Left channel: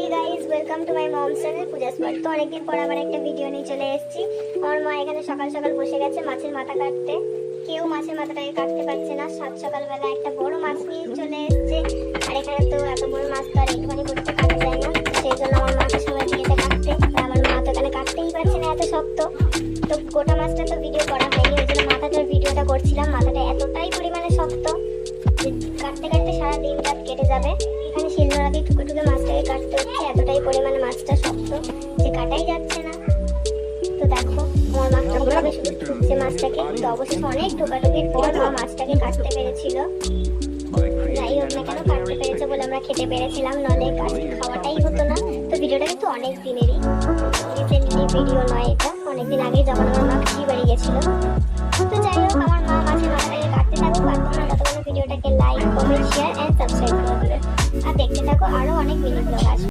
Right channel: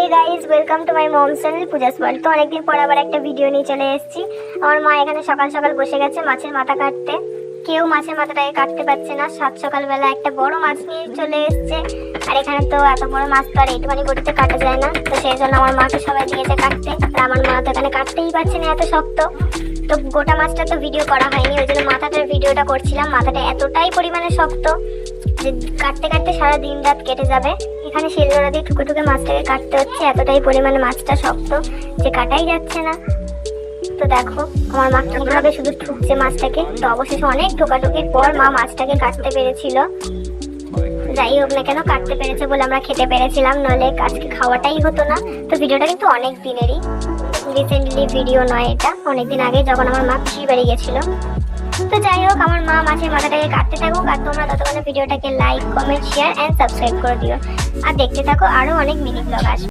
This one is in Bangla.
Hey guys, welcome to my mom's channel Puja's world. তো অনেকদিন পর আবার একটা ভিডিও নিয়ে চলে এসেছি। আমার মা এখানে সকাল সকাল বসে গেছে মাছের মাথা কাটতে। কেউ মাছের মাথাটাকে কাটতে পারছে না। সাত সকালবেলা একটা বড় মাছ নিয়ে চলে এসেছে। আর এখানে তো এত বড় মাছ তো আর একটুখানি করতে কাটা যায় না, তো সেই জন্য আমার মাকে সবাই দিয়েছে কাটতে। তা আমার মা তো এখানে কাটতেই পারছে না, এত শক্ত। তো গোটা মাছটা তো ভিডিও করা হয়নি, ওই জন্য মাথাটার ভিডিওটা করছিলাম। মাথাটা এতটাই পরিমাণে শক্ত যে কাটতে কাটতে সারা দিন রাত কেটে যাবে। এখানে শিলনোড়া দিয়ে ঠুকে ঠুকে মাছটাকে কাটতে হচ্ছে, এতটাই পরিমাণে মাছটা শক্ত যে কাটাই যাচ্ছে না। তো দেখো আমার মা কিভাবে শুধু ঠুকছে মাছটাকে। তো অবশেষে অনেক ঠোকাঠুকির পর মা মাছটাকে কাটতে পেরেছিল। যাই হোক না কেন, কাটতে পেরেছে বলে আমরা খেতে পেরেছিলাম, নাহলে আজকে খাওয়াটাই হতো না। তো ভিডিওটা কিন্তু অনেক দিনেরই, রিসেন্টলি ভিডিও নয়, এটা অনেকদিন আগে যখন আমার মা পিসির বাড়ি গেছিল। তো যাই হোক, আমার মা মাছের মাথাটাকে কাটতে থাকুক, আর তোমরা ততক্ষণে ভিডিওটাকে like, comment, share and subscribe করে দিও। আর দেখতে থাকো, আরো অনেক মিনি ব্লগ আসবে।